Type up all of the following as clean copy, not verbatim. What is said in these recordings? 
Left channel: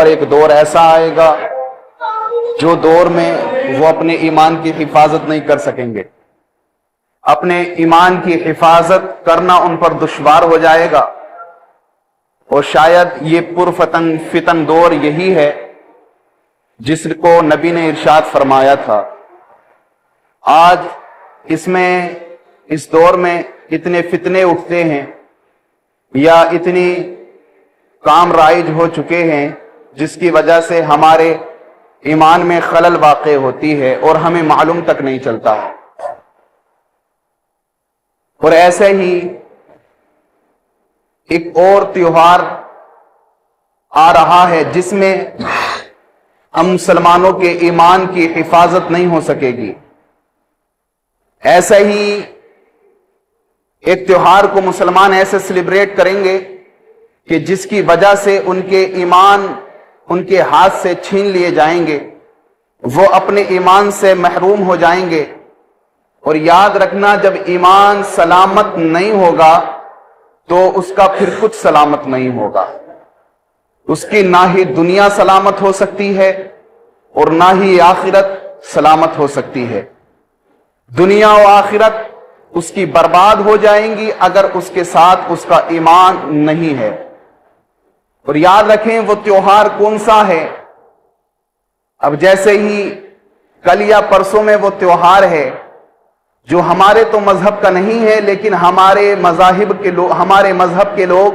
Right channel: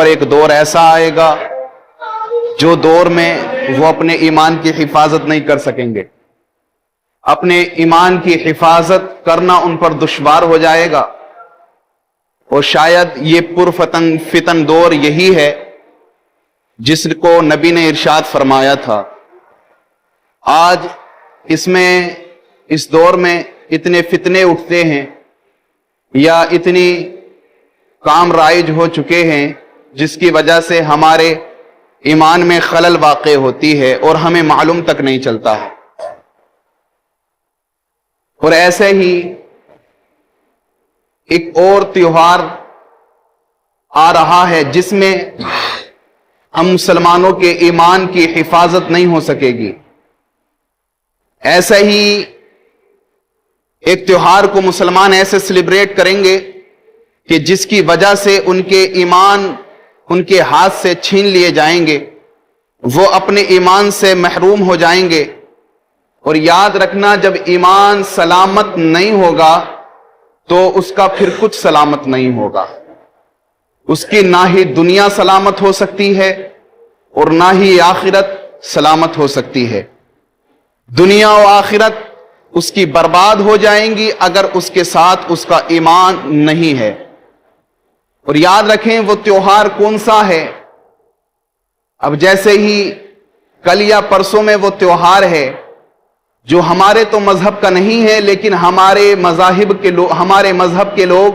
پر ایک دور ایسا آئے گا جو دور میں وہ اپنے ایمان کی حفاظت نہیں کر سکیں گے. اپنے ایمان کی حفاظت کرنا ان پر دشوار ہو جائے گا. اور شاید یہ فتن دور یہی ہے جس کو نبی نے ارشاد فرمایا تھا. آج اس دور میں اتنے فتنے اٹھتے ہیں یا اتنی کام رائج ہو چکے ہیں جس کی وجہ سے ہمارے ایمان میں خلل واقع ہوتی ہے اور ہمیں معلوم تک نہیں چلتا. اور ایسے ہی ایک اور تیوہار آ رہا ہے جس میں ہم مسلمانوں کے ایمان کی حفاظت نہیں ہو سکے گی. ایسا ہی ایک تیوہار کو مسلمان ایسے سیلیبریٹ کریں گے کہ جس کی وجہ سے ان کے ایمان ان کے ہاتھ سے چھین لیے جائیں گے, وہ اپنے ایمان سے محروم ہو جائیں گے. اور یاد رکھنا, جب ایمان سلامت نہیں ہوگا تو اس کا پھر کچھ سلامت نہیں ہوگا. اس کی نہ ہی دنیا سلامت ہو سکتی ہے اور نہ ہی آخرت سلامت ہو سکتی ہے. دنیا و آخرت اس کی برباد ہو جائیں گی اگر اس کے ساتھ اس کا ایمان نہیں ہے. اور یاد رکھیں وہ تیوہار کون سا ہے. اب جیسے ہی کل یا پرسوں میں وہ تیوہار ہے جو ہمارے تو مذہب کا نہیں ہے لیکن ہمارے مذہب کے لوگ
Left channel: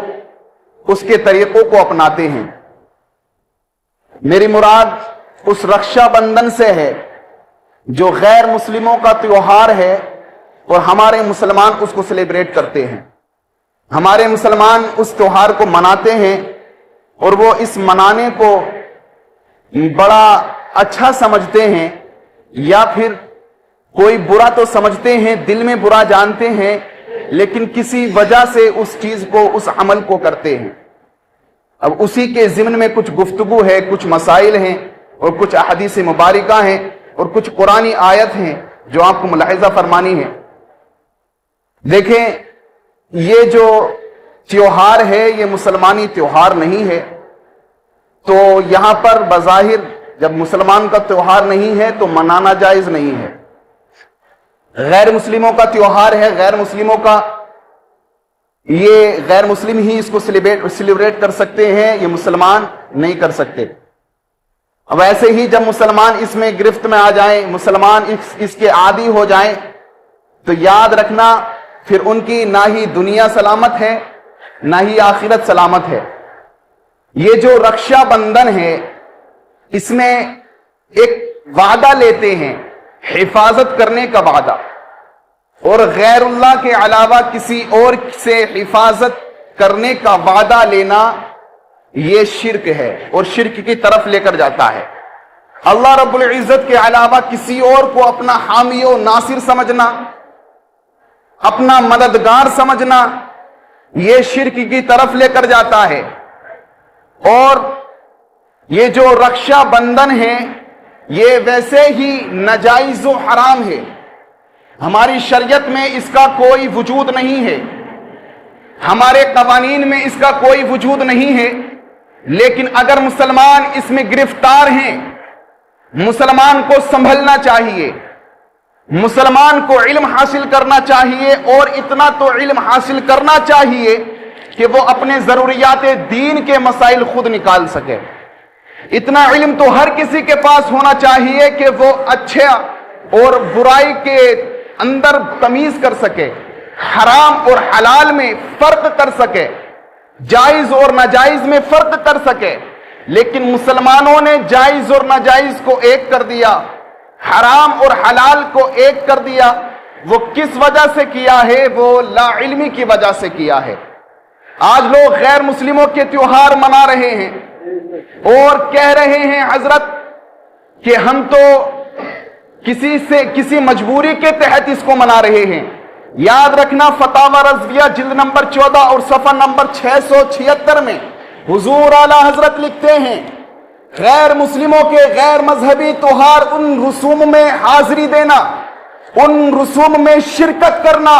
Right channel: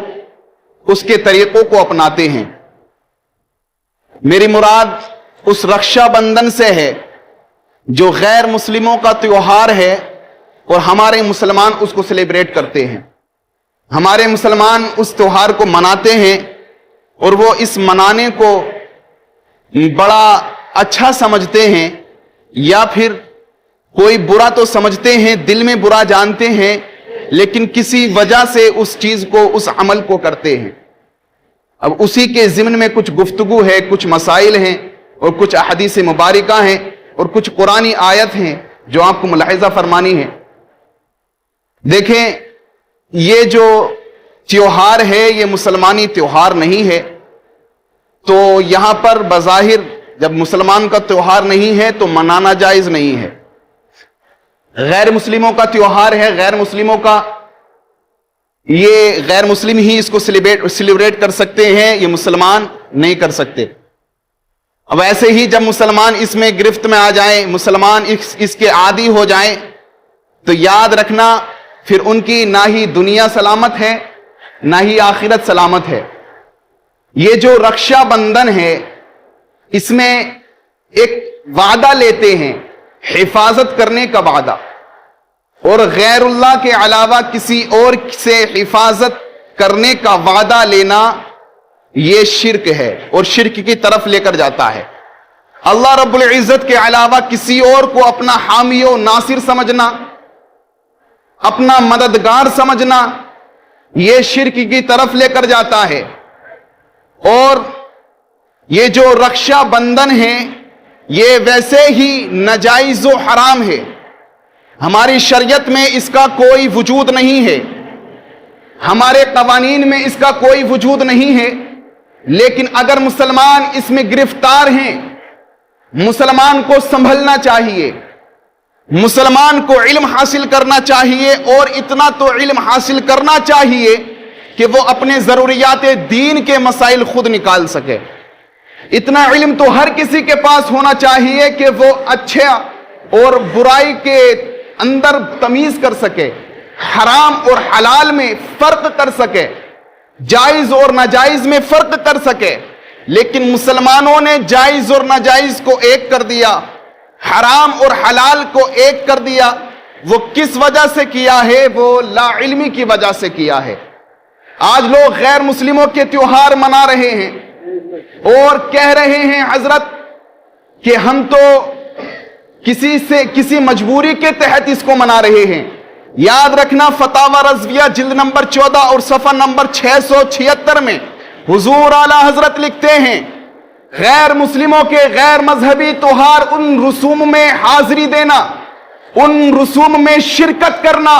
اس کے طریقوں کو اپناتے ہیں. میری مراد اس رکشا بندھن سے ہے جو غیر مسلموں کا تیوہار ہے اور ہمارے مسلمان اس کو سیلیبریٹ کرتے ہیں. ہمارے مسلمان اس تیوہار کو مناتے ہیں اور وہ اس منانے کو بڑا اچھا سمجھتے ہیں یا پھر کوئی برا تو سمجھتے ہیں, دل میں برا جانتے ہیں, لیکن کسی وجہ سے اس چیز کو اس عمل کو کرتے ہیں. اب اسی کے ضمن میں کچھ گفتگو ہے, کچھ مسائل ہیں اور کچھ احادیث مبارکہ ہیں اور کچھ قرآنی آیت ہیں جو آپ کو ملاحظہ فرمانی ہے. دیکھیں, یہ جو تیوہار ہے یہ مسلمانی تیوہار نہیں ہے. تو یہاں پر بظاہر جب مسلمان کا تیوہار نہیں ہے تو منانا جائز نہیں ہے. غیر مسلموں کا تیوہار ہے, غیر مسلموں کا یہ غیر مسلم ہی اس کو سیلیبریٹ کر سکتے ہیں, یہ مسلمان نہیں کر سکتے. اب ایسے ہی جب مسلمان اس میں گرفت میں آ جائیں, مسلمان اس کے عادی ہو جائیں تو یاد رکھنا پھر ان کی نہ ہی دنیا سلامت ہے نہ ہی آخرت سلامت ہے. یہ جو رکشا بندھن ہے اس میں ایک وعدہ لیتے ہیں, حفاظت کرنے کا وعدہ, اور غیر اللہ کے علاوہ کسی اور سے حفاظت کرنے کا وعدہ لینا یہ شرک ہے اور شرک کی طرف لے کر جاتا ہے. اللہ رب العزت کے علاوہ کسی اور کو اپنا حامی و ناصر سمجھنا, اپنا مددگار سمجھنا, یہ شرک کی طرف لے کر جاتا ہے. اور یہ جو رکشا بندھن ہے یہ ویسے ہی ناجائز و حرام ہے. ہماری شریعت میں اس کا کوئی وجود نہیں ہے, ہمارے قوانین میں اس کا کوئی وجود نہیں ہے. لیکن اگر مسلمان اس میں گرفتار ہیں, مسلمان کو سنبھلنا چاہیے, مسلمان کو علم حاصل کرنا چاہیے اور اتنا تو علم حاصل کرنا چاہیے کہ وہ اپنے ضروریات دین کے مسائل خود نکال سکے. اتنا علم تو ہر کسی کے پاس ہونا چاہیے کہ وہ اچھا اور برائی کے اندر تمیز کر سکے, حرام اور حلال میں فرق کر سکے, جائز اور ناجائز میں فرق کر سکے. لیکن مسلمانوں نے جائز اور ناجائز کو ایک کر دیا, حرام اور حلال کو ایک کر دیا. وہ کس وجہ سے کیا ہے؟ وہ لا علمی کی وجہ سے کیا ہے. آج لوگ غیر مسلموں کے تیوہار منا رہے ہیں اور کہہ رہے ہیں حضرت کہ ہم تو کسی مجبوری کے تحت اس کو منا رہے ہیں. یاد رکھنا فتاوی رضویہ جلد نمبر 14 اور صفحہ نمبر 676 میں حضور اعلی حضرت لکھتے ہیں غیر مسلموں کے غیر مذہبی تیوہار ان رسوم میں حاضری دینا, ان رسوم میں شرکت کرنا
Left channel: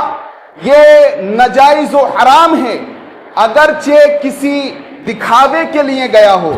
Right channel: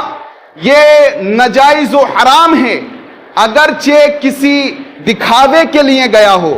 یہ ناجائز و حرام ہے. اگرچہ کسی دکھاوے کے لیے گیا ہو,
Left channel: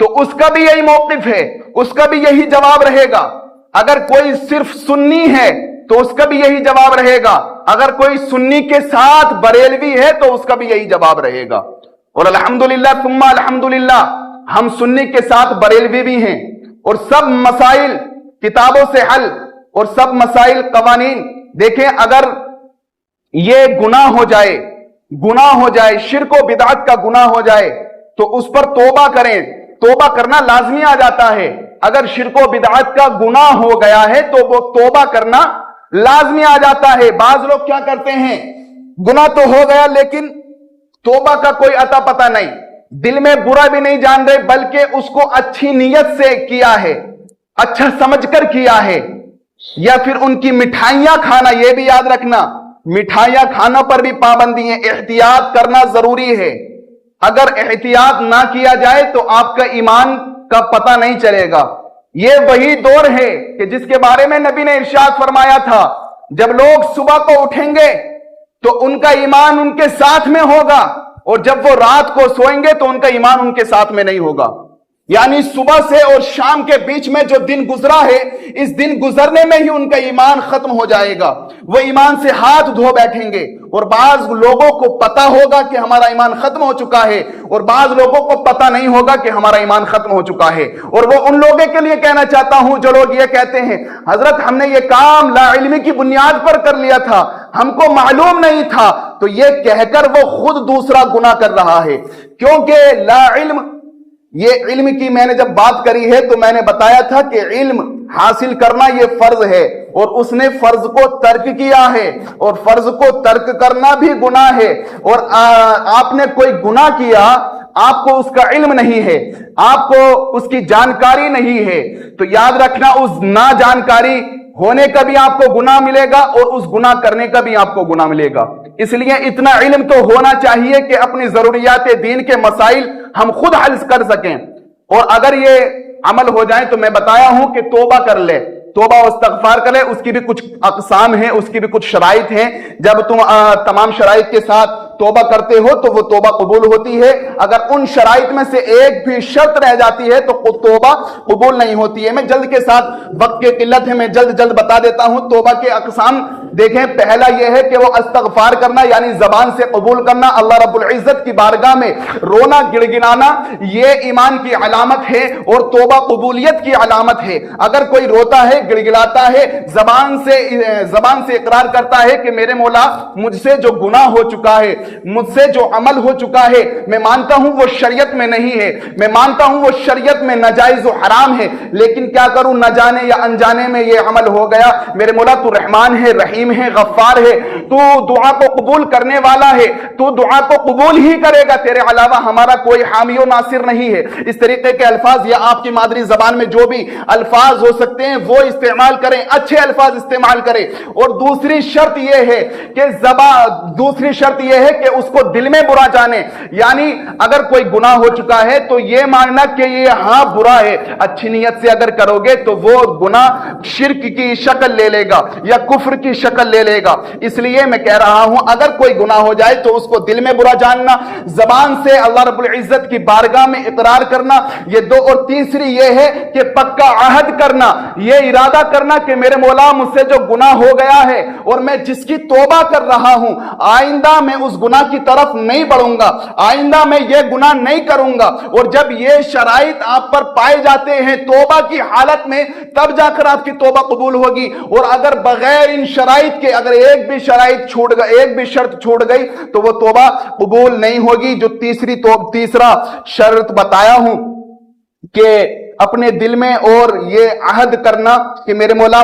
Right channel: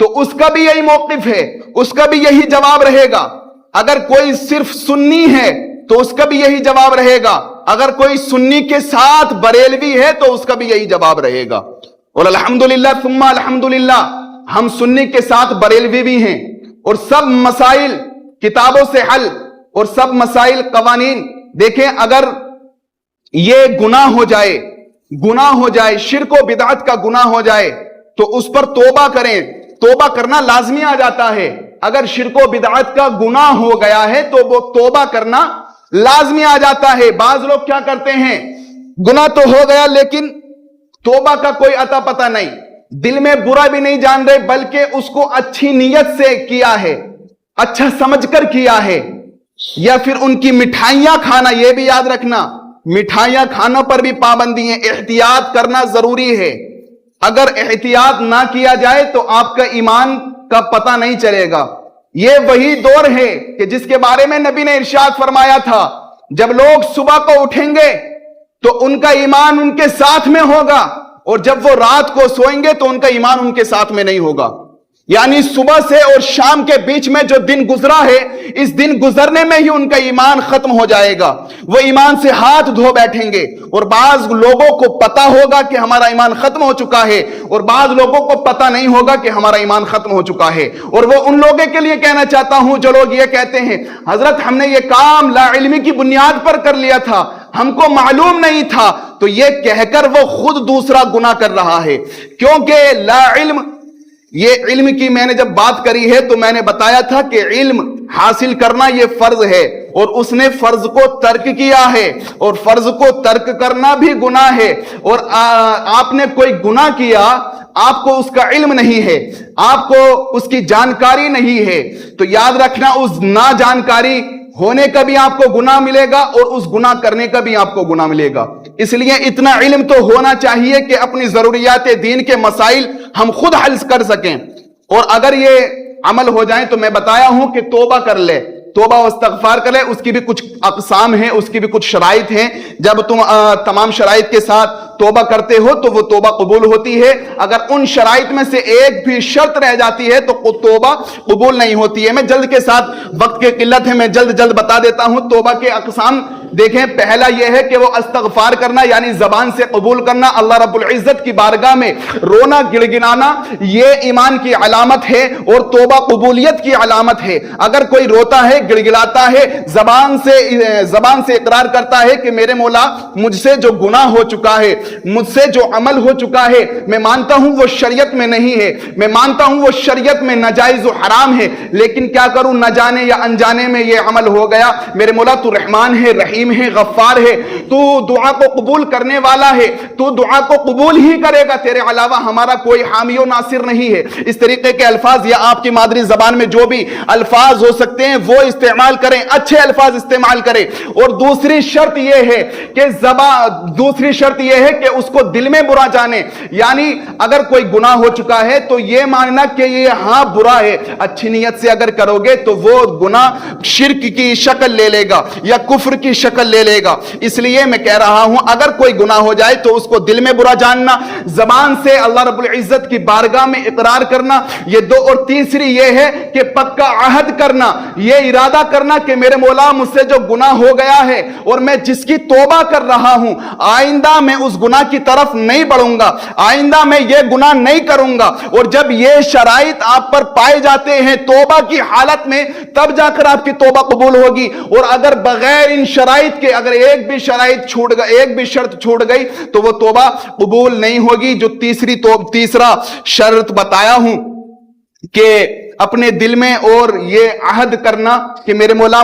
تو اس کا بھی یہی موقف ہے, اس کا بھی یہی جواب رہے گا. اگر کوئی صرف سنی ہے تو اس کا بھی یہی جواب رہے گا. اگر کوئی سنی کے ساتھ بریلوی ہے تو اس کا بھی یہی جواب رہے گا. اور الحمدللہ ثم الحمدللہ ہم سنی کے ساتھ بریلوی بھی ہیں, اور سب مسائل کتابوں سے حل, اور سب مسائل قوانین. دیکھیں اگر یہ گناہ ہو جائے, شرک و بدعت کا گناہ ہو جائے تو اس پر توبہ کریں. توبہ کرنا لازمی آ جاتا ہے. اگر شرک و بدعت کا گناہ ہو گیا ہے تو وہ توبہ کرنا لازمی آ جاتا ہے. بعض لوگ کیا کرتے ہیں, گناہ تو ہو گیا لیکن توبہ کا کوئی عطا پتہ نہیں, دل میں برا بھی نہیں جان رہے بلکہ اس کو اچھی نیت سے کیا ہے, اچھا سمجھ کر کیا ہے. یا پھر ان کی مٹھائیاں کھانا, یہ بھی یاد رکھنا مٹھائیاں کھانا پر بھی پابندی ہے, احتیاط کرنا ضروری ہے. اگر احتیاط نہ کیا جائے تو آپ کا ایمان کا پتہ نہیں چلے گا. یہ وہی دور ہے کہ جس کے بارے میں نبی نے ارشاد فرمایا تھا, جب لوگ صبح کو اٹھیں گے تو ان کا ایمان ان کے ساتھ میں ہوگا, اور جب وہ رات کو سوئیں گے تو ان کا ایمان ان کے ساتھ میں نہیں ہوگا. یعنی صبح سے اور شام کے بیچ میں جو دن گزرا ہے, اس دن گزرنے میں ہی ان کا ایمان ختم ہو جائے گا. وہ ایمان سے ہاتھ دھو بیٹھیں گے, اور بعض لوگوں کو پتا ہوگا کہ ہمارا ایمان ختم ہو چکا ہے, اور بعض لوگوں کو پتا نہیں ہوگا کہ ہمارا ایمان ختم ہو چکا ہے. اور وہ ان لوگوں کے لیے کہنا چاہتا ہوں جو لوگ یہ کہتے ہیں حضرت ہم نے یہ کام لا علمی کی بنیاد پر کر لیا تھا, ہم کو معلوم نہیں تھا, تو یہ کہہ کر وہ خود دوسرا گناہ کر رہا ہے. کیونکہ لا علم, یہ علم کی میں نے جب بات کری ہے تو میں نے بتایا تھا کہ علم حاصل کرنا یہ فرض ہے, اور اس نے فرض کو ترک کیا ہے, اور فرض کو ترک کرنا بھی گناہ ہے. اور آپ نے کوئی گناہ کیا, آپ کو اس کا علم نہیں ہے, آپ کو اس کی جانکاری نہیں ہے, تو یاد رکھنا اس ناجانکاری ہونے کا بھی آپ کو گناہ ملے گا, اور اس گناہ کرنے کا بھی آپ کو گناہ ملے گا. اس لیے اتنا علم تو ہونا چاہیے کہ اپنی ضروریات دین کے مسائل ہم خود حل کر سکیں. اور اگر یہ عمل ہو جائیں تو میں بتایا ہوں کہ توبہ کر لے, توبہ و استغفار کرے. اس کی بھی کچھ اقسام ہیں, اس کی بھی کچھ شرائط ہیں. جب تم تمام شرائط کے ساتھ توبہ کرتے ہو تو وہ توبہ قبول ہوتی ہے. اگر ان شرائط میں سے ایک بھی شرط رہ جاتی ہے تو توبہ قبول نہیں ہوتی ہے. میں جلد کے ساتھ, وقت کی قلت ہے, میں جلد بتا دیتا ہوں. توبہ کے اقسام دیکھیں, پہلا یہ ہے کہ وہ استغفار کرنا یعنی زبان سے قبول کرنا, اللہ رب العزت کی بارگاہ میں رونا گڑگڑانا, یہ ایمان کی علامت ہے اور توبہ قبولیت کی علامت ہے. اگر کوئی روتا ہے, گڑگڑاتا ہے, زبان سے اقرار کرتا ہے کہ میرے مولا مجھ سے جو گناہ ہو چکا ہے, مجھ سے جو عمل ہو چکا ہے, میں مانتا ہوں وہ شریعت میں نہیں ہے, میں مانتا ہوں وہ شریعت میں ناجائز و حرام ہے, لیکن کیا کروں, نہ جانے یا انجانے میں یہ عمل ہو گیا. میرے مولا تو رحمان ہے, رحیم ہے, غفار ہے, تو دعا کو قبول کرنے والا ہے, تو دعا کو قبول ہی کرے گا, تیرے علاوہ ہمارا کوئی حامی و ناصر نہیں ہے. اس طریقے کے الفاظ یا آپ کی مادری زبان میں جو بھی الفاظ ہو سکتے ہیں وہ استعمال کریں, اچھے الفاظ استعمال کریں. اور دوسری شرط یہ ہے کہ اس کو دل میں برا جانے, یعنی اگر کوئی گناہ ہو چکا ہے تو یہ ماننا کہ یہ ہاں برا ہے. اچھی نیت سے اگر کرو گے تو وہ گناہ شرک کی شکل لے لے گا یا کفر کی شکل لے لے گا. اس لیے میں کہہ رہا ہوں اگر کوئی گناہ ہو جائے تو اس کو دل میں برا جاننا, زبان سے اللہ رب العزت کی بارگاہ میں اقرار کرنا, یہ دو. اور تیسری یہ ہے کہ پکا عہد کرنا, یہ ارادہ کرنا کہ میرے مولا مجھ سے جو گناہ ہو گیا ہے اور میں جس کی توبہ کر رہا ہوں, آئندہ میں اس گناہ کی طرف نہیں بڑھوں گا, آئندہ میں یہ گناہ نہیں کروں گا. اور جب یہ شرائط آپ پر پائے جاتے ہیں توبہ کی حالت میں, تب جا کر آپ کی توبہ قبول ہوگی. اور اگر بغیر ان شرائط کے اگر ایک بھی شرط چھوٹ گئی تو وہ توبہ قبول نہیں ہوگی. جو تیسرا شرط بتایا ہوں کہ اپنے دل میں اور یہ عہد کرنا کہ میرے مولا